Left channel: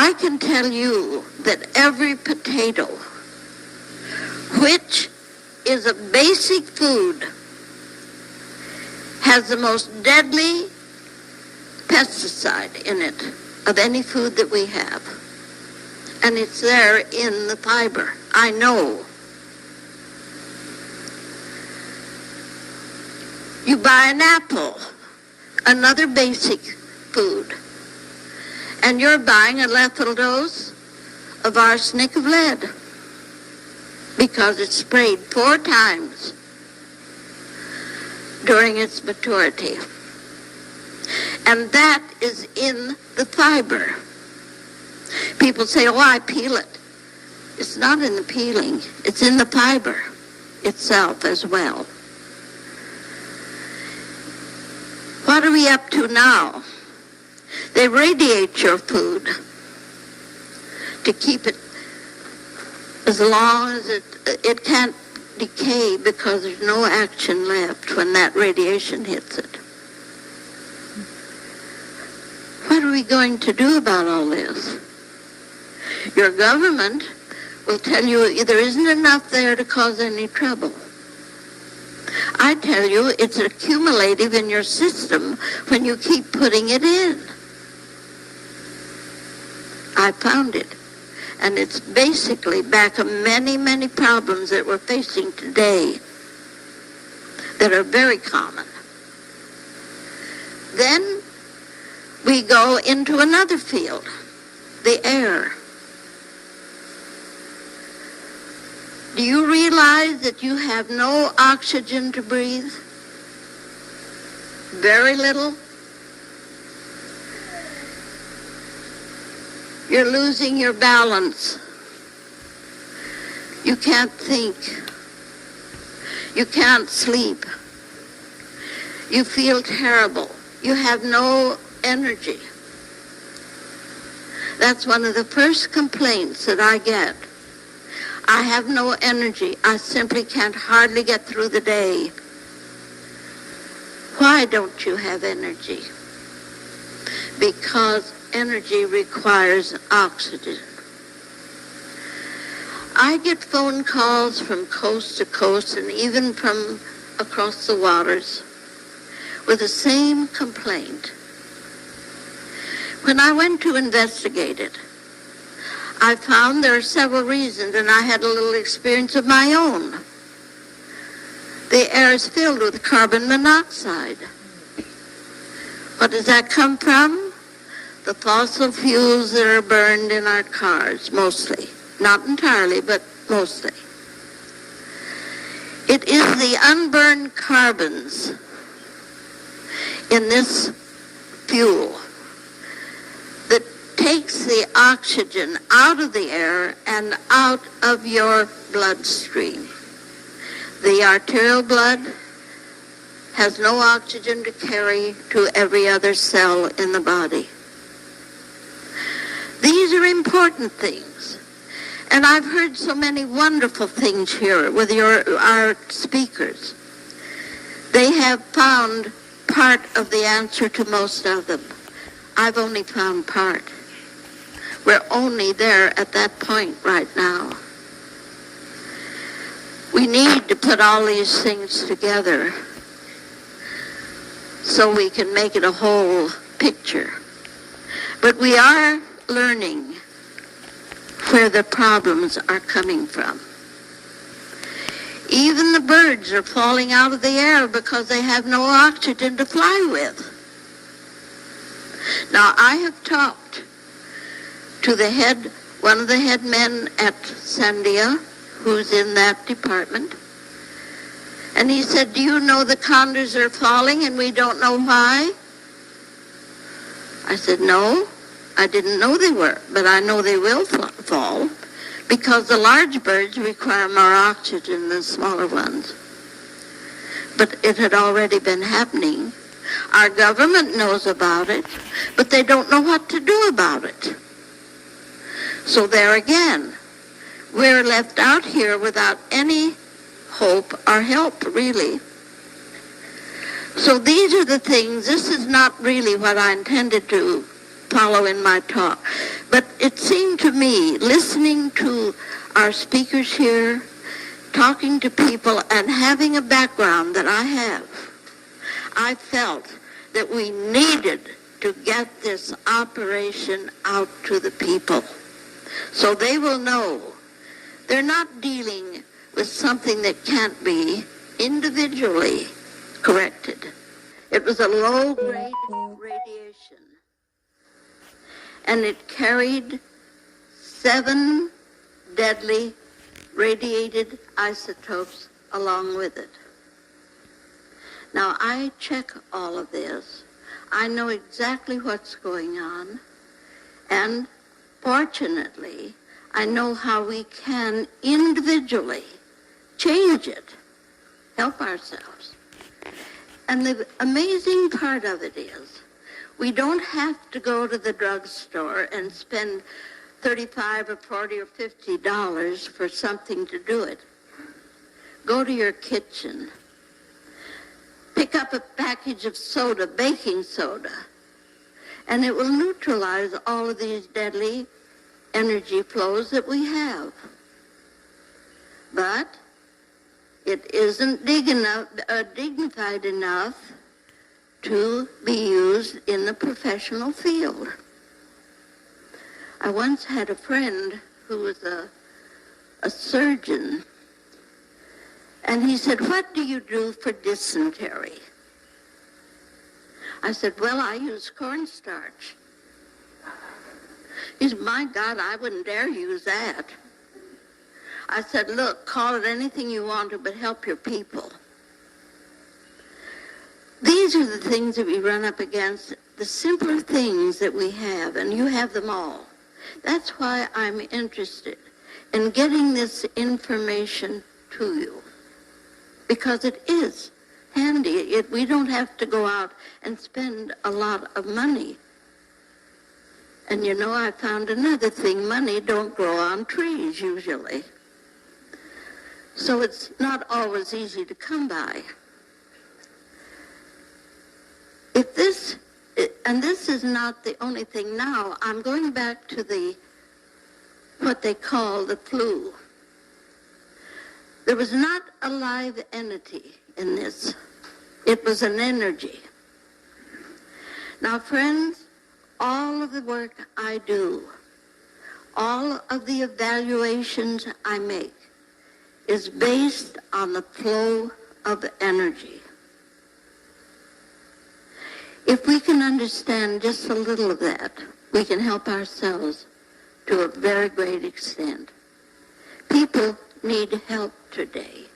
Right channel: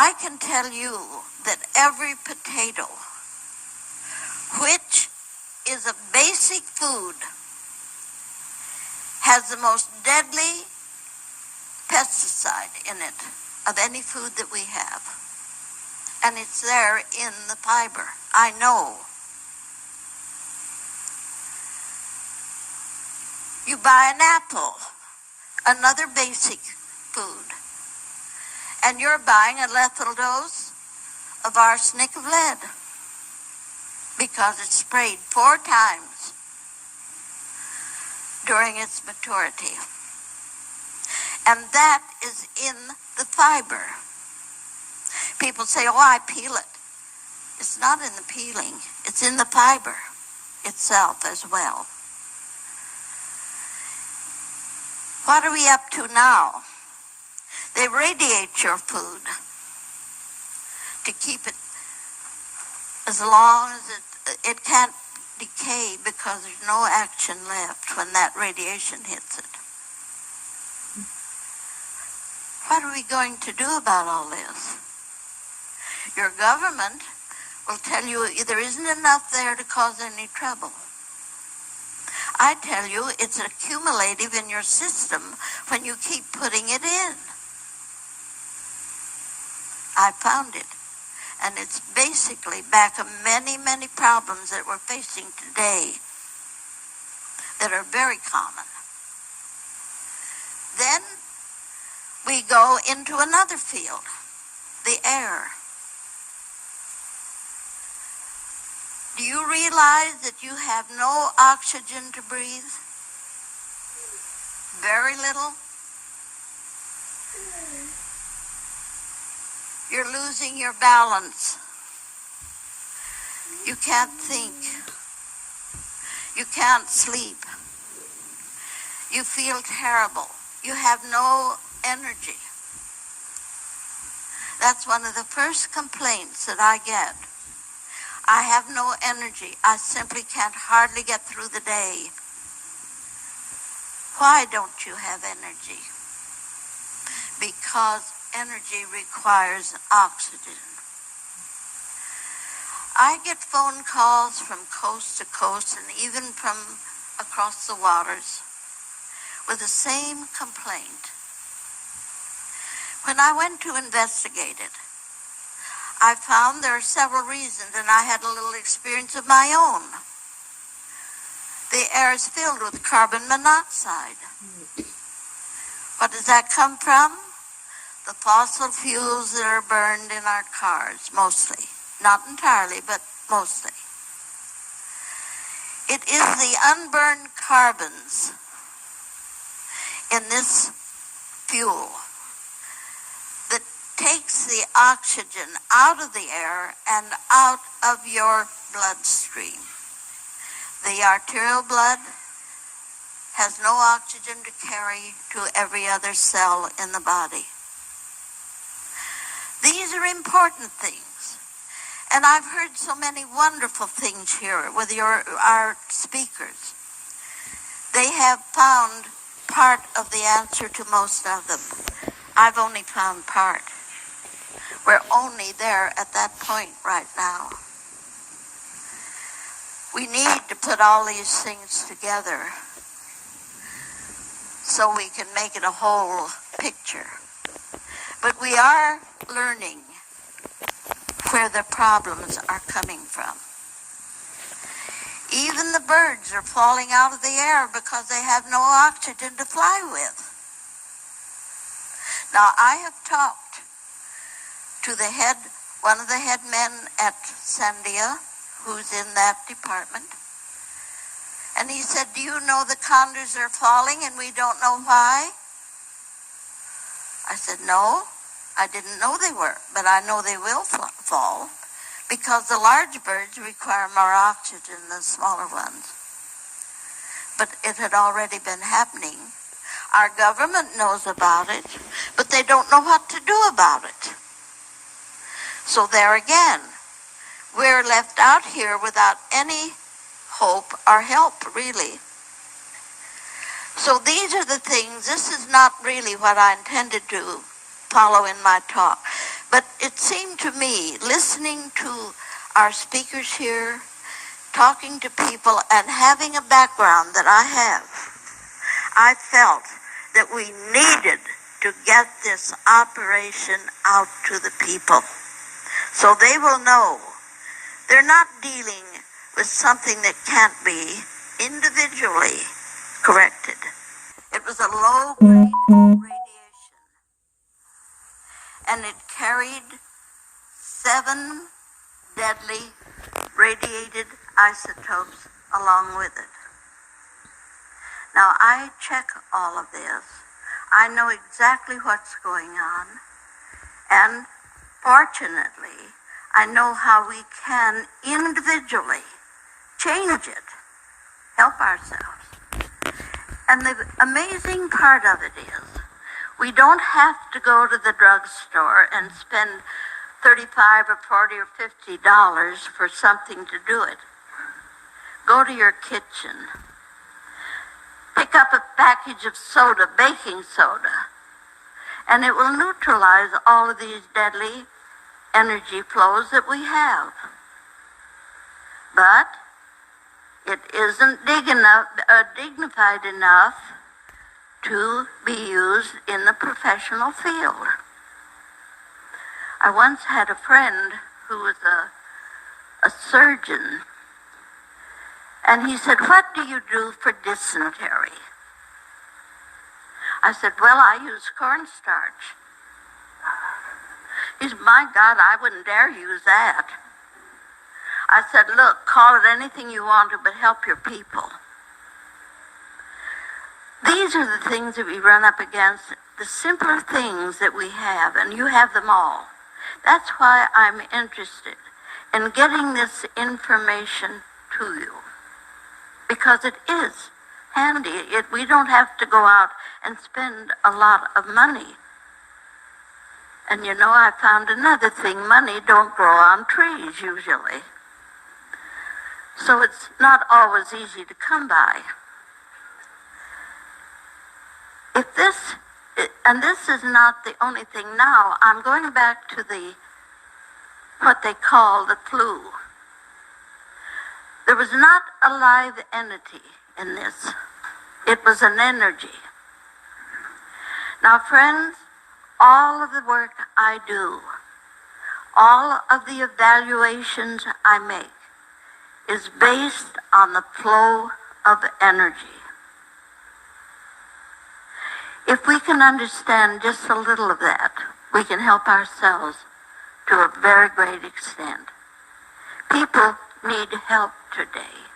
I can tell you that every potato, which is a basic food, has the most deadly pesticide in it of any food that we have. And it's there in the fiber. I know. You buy an apple, another basic food, and you're buying a lethal dose of arsenic of lead because it's sprayed 4 times during its maturity. And that is in the fiber. People say, oh, I peel it. It's not in the peeling. It's in the fiber itself as well. What are we up to now? They radiate your food to keep it as long as it can't decay, because there's no action left when that radiation hits it. What are we going to do about all this? Your government will tell you there isn't enough there to cause any trouble. I tell you, it's accumulative in your system when you keep putting it in. I found it. And it's basically back of many, many problems that we're facing today that are very common. Then we go into another field, the air. Do you realize that you have no oxygen to breathe? Very little. You're losing your balance. You can't think. You can't sleep. You feel terrible. You have no energy. That's one of the first complaints that I get. I have no energy. I simply can't hardly get through the day. Why don't you have energy? Because energy requires oxygen. I get phone calls from coast to coast and even from across the waters with the same complaint. When I went to investigate it, I found there are several reasons, and I had a little experience of my own. The air is filled with carbon monoxide. What does that come from? The fossil fuels that are burned in our cars, mostly. Not entirely, but mostly. It is the unburned carbons in this fuel that takes the oxygen out of the air and out of your bloodstream. The arterial blood has no oxygen to carry to every other cell in the body. These are important things. And I've heard so many wonderful things here with our speakers. They have found part of the answer to most of them. I've only found part. We're only there at that point right now. We need to put all these things together so we can make it a whole picture. But we are learning where the problems are coming from. Even the birds are falling out of the air because they have no oxygen to fly with. Now, I have talked to one of the head men at Sandia, who's in that department, and he said, do you know the condors are falling and we don't know why? I said, no, I didn't know they were, but I know they will fall because the large birds require more oxygen than smaller ones. But it had already been happening. Our government knows about it, but they don't know what to do about it. So there again, we're left out here without any hope or help, really. So these are the things. This is not really what I intended to follow in my talk. But it seemed to me, listening to our speakers here, talking to people, and having a background that I have, I felt that we needed to get this operation out to the people so they will know they're not dealing with something that can't be individually corrected. It was a low-grade radiation, and it carried 7 deadly radiated isotopes along with it. Now, I check all of this. I know exactly what's going on, and fortunately, I know how we can individually change it, help ourselves. And the amazing part of it is, we don't have to go to the drugstore and spend $35 or $40 or $50 for something to do it. Go to your kitchen. Pick up a package of soda, baking soda, and it will neutralize all of these deadly energy flows that we have. But it isn't dignified enough to be used in the professional field. I once had a friend who was a surgeon, and he said, "What do you do for dysentery?" I said, "Well, I use cornstarch." He said, "My God, I wouldn't dare use that." I said, "Look, call it anything you want to, but help your people." These are the things that we run up against, the simpler things that we have, and you have them all. That's why I'm interested in getting this information to you, because it is handy. We don't have to go out and spend a lot of money. And you know, I found another thing. Money don't grow on trees usually. So it's not always easy to come by. And this is not the only thing now. I'm going back to what they call the flu. There was not a live entity in this. It was an energy. Now, friends, all of the work I do, all of the evaluations I make, is based on the flow of energy. If we can understand just a little of that, we can help ourselves to a very great extent. People need help today.